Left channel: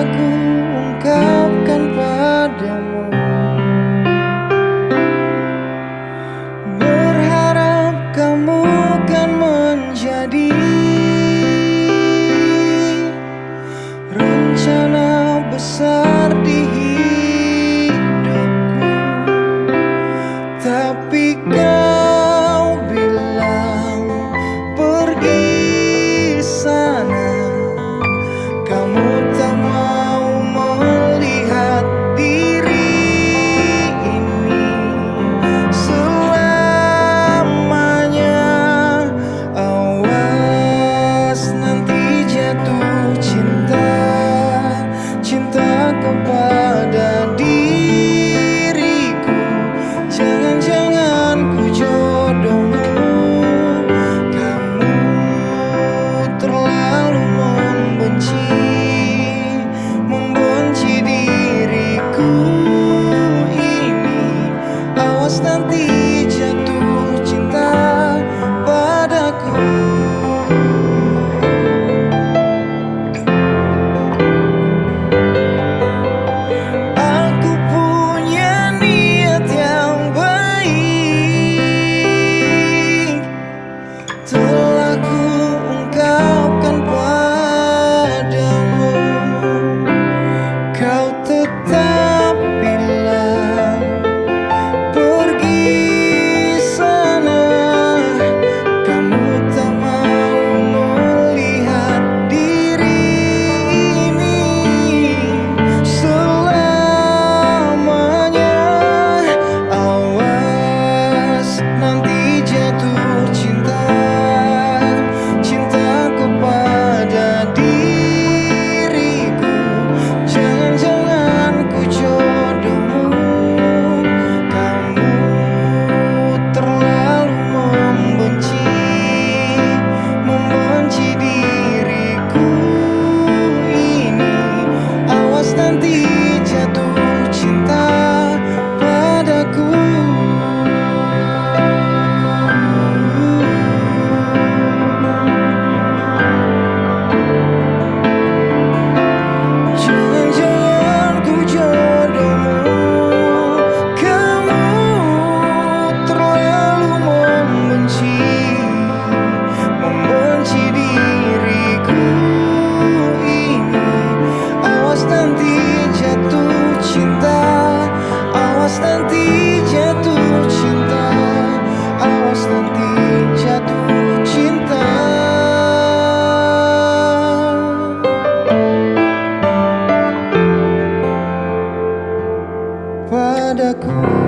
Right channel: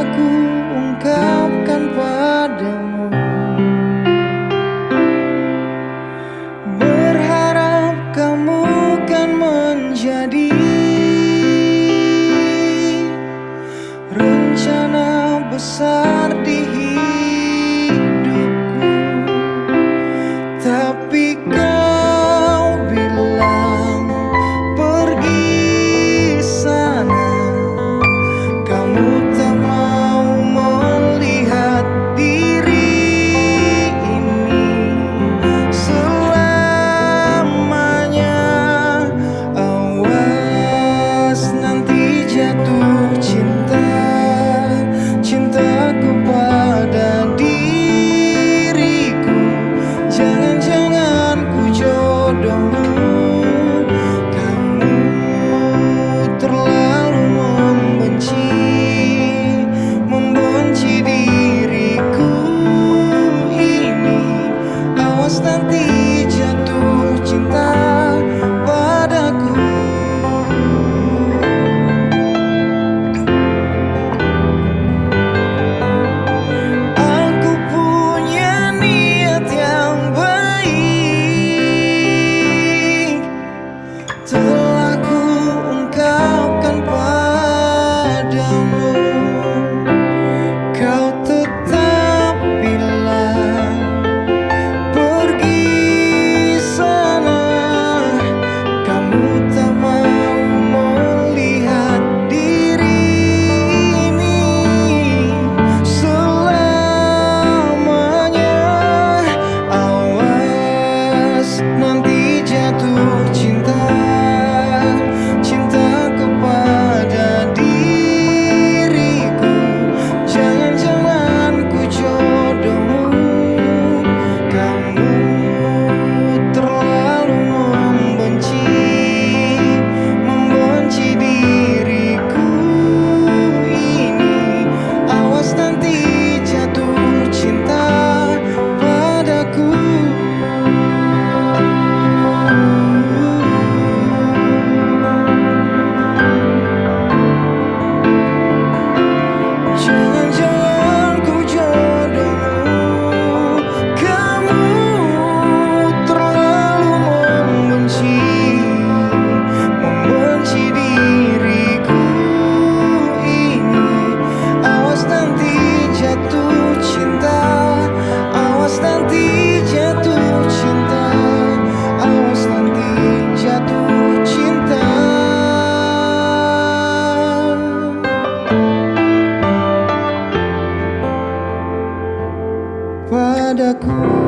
aku ungkapkan padamu. Berharap kamu kan menjadi rencana besar di hidupku. Tapi kau bilang pergi sana, kamu tak mau melihat diri ini selamanya. Awas nanti jatuh cinta, cinta kepada diriku. Jangan-jangan ku jodohmu, kamu terlalu membenci diriku ini. Awas nanti jatuh cinta padaku. Aku punya niat yang baik, telah ku ungkapkan padamu. Kau tetap bilang pergi sana, kamu tak mau melihat diri ini selamanya. Awas nanti jatuh cinta, cinta kepada diriku. Jangan-jangan ku jodohmu, kamu terlalu membenci diriku ini. Awas nanti jatuh cinta padaku. Jangan-jangan ku jodohmu, kamu terlalu membenci diriku ini. Awas nanti jatuh cinta, awas nanti jatuh cinta, awas nanti jatuh cinta padaku.